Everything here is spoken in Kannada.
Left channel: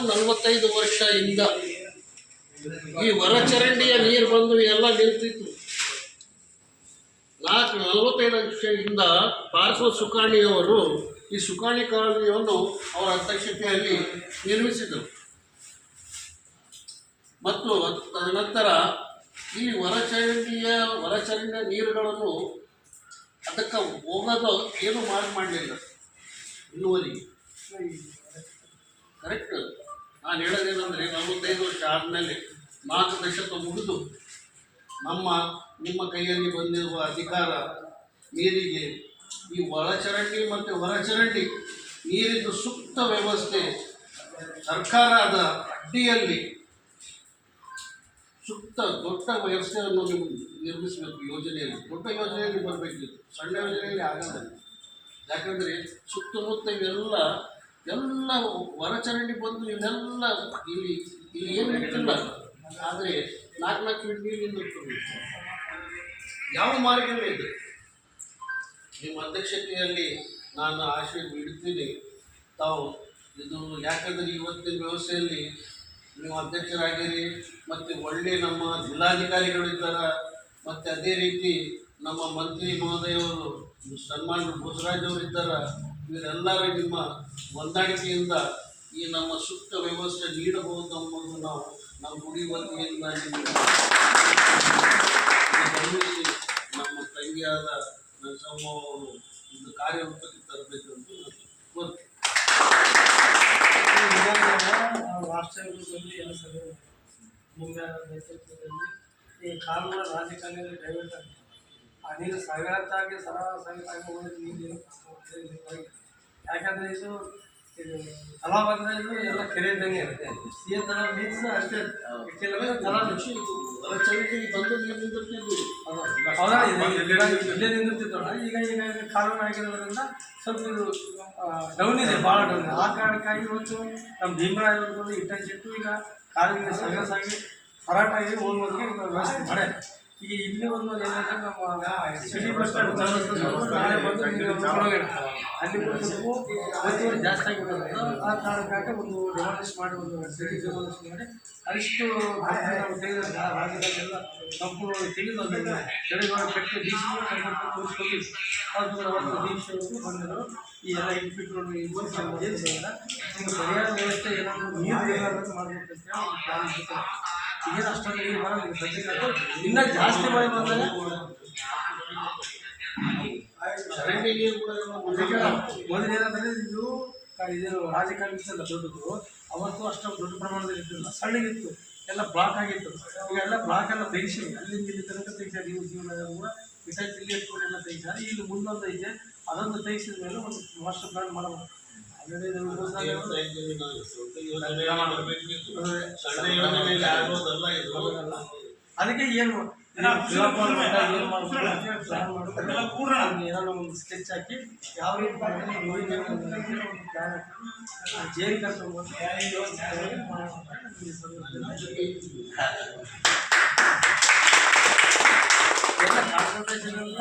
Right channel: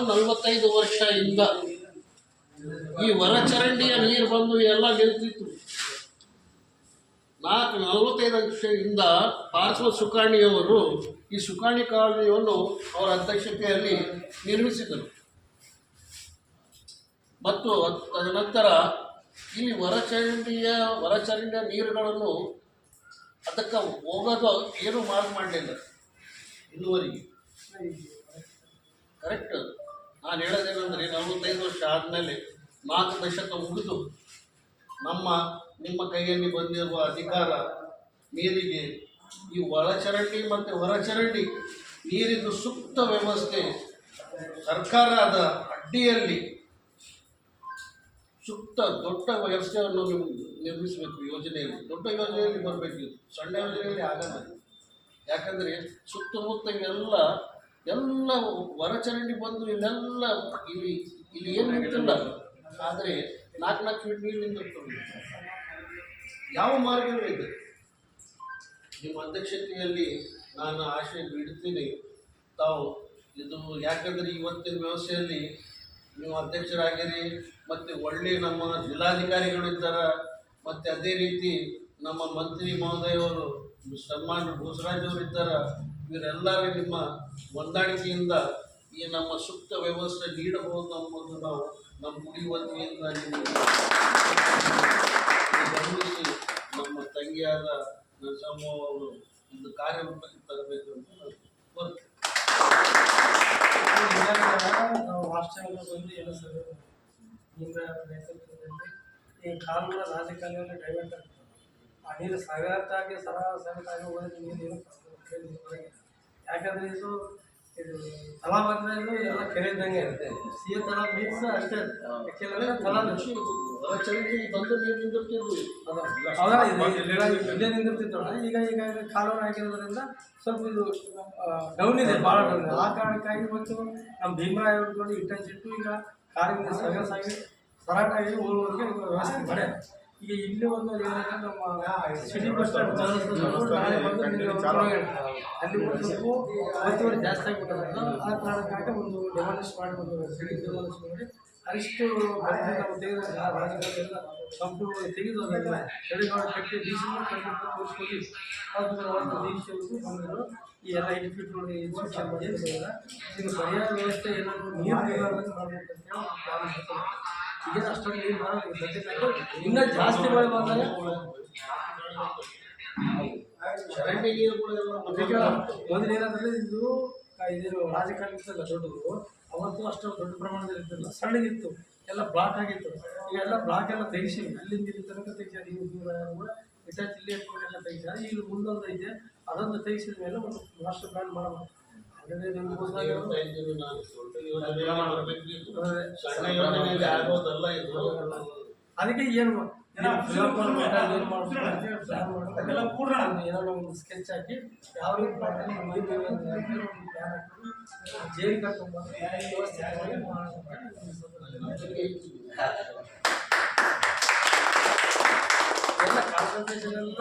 ಸುಮಾರು 45 ವರ್ಷದಿಂದ ಈ ಹೊರಚರಂಡಿಯ ನೀರು ಬಂದು ಎಲ್ಲ ನಿಂತಿತ್ತು. 45 ವರ್ಷದಿಂದ ಪಾರ್ಶ್ವ ಸುಕಾಣಿಯವರು ಈ ಸುಕಾಣಿ ಕಾಲನಿಯನ್ನು ಅವರ ಅಧ್ಯಕ್ಷತೆಯಲ್ಲಿ ನಿರ್ಮಿಸಿದರು. ಮತ್ತು ತದನಂತರ ಈ ಹೊರಚರಂಡಿಯ ನೀರುಗಳನ್ನು ಅದಕ್ಕೆ ಹೋಗೋದು ಏನೂ ಮಾಡಲಿಲ್ಲ ಇನ್ನುವರೆಗೆ. ಕರೆಕ್ಟ್. ನಾನು ಹೇಳೋದೇನೆಂದರೆ 45 ವರ್ಷ ಆದಮೇಲೆ 4 ದಶಕ ಮುಗಿದು ನಿಮ್ಮ ಕೈಯಲ್ಲಿ ಬಂದಿರುವ ಅಧಿಕಾರ ನೀರಿಗೆ ಈ ಒಳಚರಂಡಿ ಮತ್ತು ಹೊರಚರಂಡಿ ನೀರಿನ ಸೂಕ್ತ ವ್ಯವಸ್ಥೆ ಸರ್ಕಾರದ ಅಡ್ಡಿಯಲ್ಲಿ ಸೂಕ್ತ ದೊಡ್ಡ ವ್ಯವಸ್ಥೆಯನ್ನು ನೀವು ನಿರ್ಮಿಸಬೇಕು. ಯೋಜನೆಯಲ್ಲಿ ದೊಡ್ಡ ಯೋಜನೆಯಲ್ಲಿ ಬರಬೇಕು, ಸಣ್ಣ ಯೋಜನೆಯಲ್ಲಿ ಆಗಲ್ಲ. ಯಾಕಂದರೆ ಸುತ್ತಮುತ್ತ ಎಲ್ಲ ಹೊರಚರಂಡಿ ಬಂದು ಇಲ್ಲೆಲ್ಲ ಇಲ್ಲಿ ಏನು ನಿಂತಿಲ್ಲ. ಆದರೆ 4 ಫೀಟ್ ನೀರು ನಿಂತಿರ್ತದೆ. ಯಾವ ಮಾರ್ಗವೇ ಇದೆ. ನಿಮ್ಮ ಅಧ್ಯಕ್ಷತೆಯಲ್ಲಿ ನಾನು ಆಶೆ ಬಿಡುತ್ತೀನಿ ತಾವು ಇದು. ಯಾಕಂದರೆ ಇವತ್ತಿನ ವ್ಯವಸ್ಥೆಯಲ್ಲಿ ನೀವು ಅಧ್ಯಕ್ಷರಾಗಿರಿ, ಮತ್ತು ಒಳ್ಳೆಯ ನಮ್ಮ ಜಿಲ್ಲಾಧಿಕಾರಿಗಳಿದ್ದಾರೆ, ಮತ್ತು ಅದೇ ರೀತಿ ನಮ್ಮ ಮಂತ್ರಿ ಮಹೋದಯವರು ಸನ್ಮಾನ್ಯ ಭೂಸರಾಜ್ ಅವರು ಇದ್ದಾರೆ. ಇವರೆಲ್ಲರ ನಿಮ್ಮ ಹೊಂದಾಣಿಕೆಯಿಂದ ಈ ನಮ್ಮ ಸೂಕ್ತ ವ್ಯವಸ್ಥೆ ನೀಡಬಹುದು ಎಂಬುದು ನಾವು ನಮ್ಮ ಗುಡಿ ವತಿಯಿಂದ ಗಮನಿಸಿ ನಮ್ಮ ತಂಗಿಯಾದ ನರಸಮ್ಮ ಅವರು ಒಂದು ಕಾರ್ಯರೂಪಕ್ಕೆ ತರಬೇಕು ಅಂತ ನಾನು ಕೋರ್ತೇನೆ. ವಾಸ್ತವ್ಯದಲ್ಲಿ ಎಲ್ಲ ಸರಿ ನಿಮ್ಮ ನೇತೃತ್ವದಲ್ಲಿ ಈ ಕಾನೂನು ರಾಜಕಾರಣಿಯಲ್ಲಿ ಡೈವರ್ಟ್ ಆಗ್ತದೆ. ಆ ನೀರು ಸಗತಾಗಿ ಸಗತಾಗಿ ಹೋಗೋದು ನೀರು ಯಾಕಂದರೆ ಇದು ತಲಾ ಬಂದರೆ ಇದು ಎಲ್ಲ ಕೆರೆ ಇದ್ದಂಗೆ ಇರುತ್ತೆ. ಸಿಹಿ ತಲಾ ಮೀನ್ಸ್ ಅಷ್ಟೇ. ಕೆಲವೇ ತಲಾ ಹೊರಚರಂಡಿ ಬಂದು ನೀರು ನಿಂತಿರ್ತೀವಿ. ಹೌದಾ, ಇಲ್ಲೇ ನಿಂತಿರ್ತಿದ್ದೋಣ. ಈಗ ಕಾನೂನು ಆಗಿರೋದ್ರಿಂದ ಸ್ವಲ್ಪ ಇದು ಡೌನ್ ಇದೆ, ಭಾಳ ಡೌನ್. ಆ ಕಾರಣಕ್ಕಾಗಿ ಇವತ್ತು ನಮ್ಮ ಭೀಮರಾಯವ್ರಿಗೆ ಇಟ್ಟಿಟ್ಟು ಈಗ ಕಾಲಿನ ಸಗಸಾಗಿ ಹೋರಾಟಾಗಿ ಹೋಗೋದಕ್ಕೆ ವ್ಯವಸ್ಥೆ ಮಾಡೆ. ಈಗ ಇಲ್ಲಿ ಒಂದು ಏನಂದರೆ ನಮ್ಮ ಸಿಟಿ ಬಸ್ ಸ್ಟ್ಯಾಂಡ್ ನಾಳೆ ಬಂದು ಅಲ್ಲಿ ಒತ್ತುವರಿ ಜಾಸ್ತಿ ಆಗಿಬಿಟ್ಟೋದು. ಆ ಕಾರಣಕ್ಕಾಗಿ ಒಂದು ಡೆಮಾಲಿಷ್ ಮಾಡಿ, ಒಂದು ಸಿಟಿ ಡೆಮಾಲಿಷ್ ಮಾಡಿ ಅಷ್ಟು ನಾವು ತೆಗೆದ ರಾಜ್ಯದಲ್ಲೆಲ್ಲ ಸಂಪೂರ್ಣವಾಗಿ ತೆಗೆದು ಅದನ್ನು ತಡೆಮಾಡಿ ಕಟ್ಟಿ ಡಿ ಸಿ ತೋರಿಸ್ಕೊಟ್ಟಿವಿ. ಒಂದು ದೀಕ್ಷೆಯವರು ಬಂದರು. ಈ ಎಲ್ಲ ಇನ್ಸ್ಟಿಟ್ಯೂಟ್ ಈಗ ಪರಿಹಾರ ವ್ಯವಸ್ಥೆ ಏನಾದರೂ ನೀರು ಇರಲಾರ್ದಂತೆ ಮಾಡಬೇಕಂತ ಪ್ಲಾನ್ ಮಾಡ್ತಾರೆ. ಈಗೇನು ಅಷ್ಟೊಂದು ನೀರು ಬರೋದು ಸದ್ಯಕ್ಕೆ, ಇನ್ನೂ ಜಾಸ್ತಿ ಮಳೆ ಬಂದರೆ ಚರಂಡಿ ನೀರು ಮೊದಲು ಏನಂದರೆ ಇದು ರಾಜಕಾರಣಿಸಲ್ಲ ದೊಡ್ಡದು. ಅವತ್ತು ಅಷ್ಟು ದೊಡ್ಡ ಪ್ರಮಾಣದಲ್ಲಿ ಇದ್ದಿಲ್ಲ, ಸಣ್ಣಗಿತ್ತು, ಎಲ್ಲ ಬ್ಲಾಕ್ ಆಗಿತ್ತು. ಈಗ ಎಲ್ಲ ಬ್ಲಾಕ್ ಎಲ್ಲ ತೆಗಿಸಿ ಅಲ್ಲಿಂದ ಇಲ್ಲಿ ತನಕ ತೆಗಿಸಾರ. ಇವು ಜೀವನ ಕೂಡ ಇಟಾಚಿ ಇಲ್ಲಿ ಇಟ್ಕೊಂಡು ಎಲ್ಲ ತೆಗಿಸಾರ. ಈಗ ಮುಂದೊಂದು ಐತೆ, ಅದೊಂದು ತೆಗಿಸಿದ ಮೇಲೆ ಒಂದು ಮಾಸ್ಟರ್ ಪ್ಲಾನ್ ಮಾಡಬೇಕು. ಅದಕ್ಕೆ ಏನು ಏನಾದ್ರು ಒಂದು ಸ್ಕೆಚ್ ಹಾಕಿ ಯಾವ ರೀತಿ ಪ್ಲಾನ್ ಹಾಕಿ ಜೇರಿ ಕರ್ಕೊಂಡು ಎಲ್ಲ ಕಾನ್ಸಂಟ್ರೇಷನ್ ಎಲ್ಲ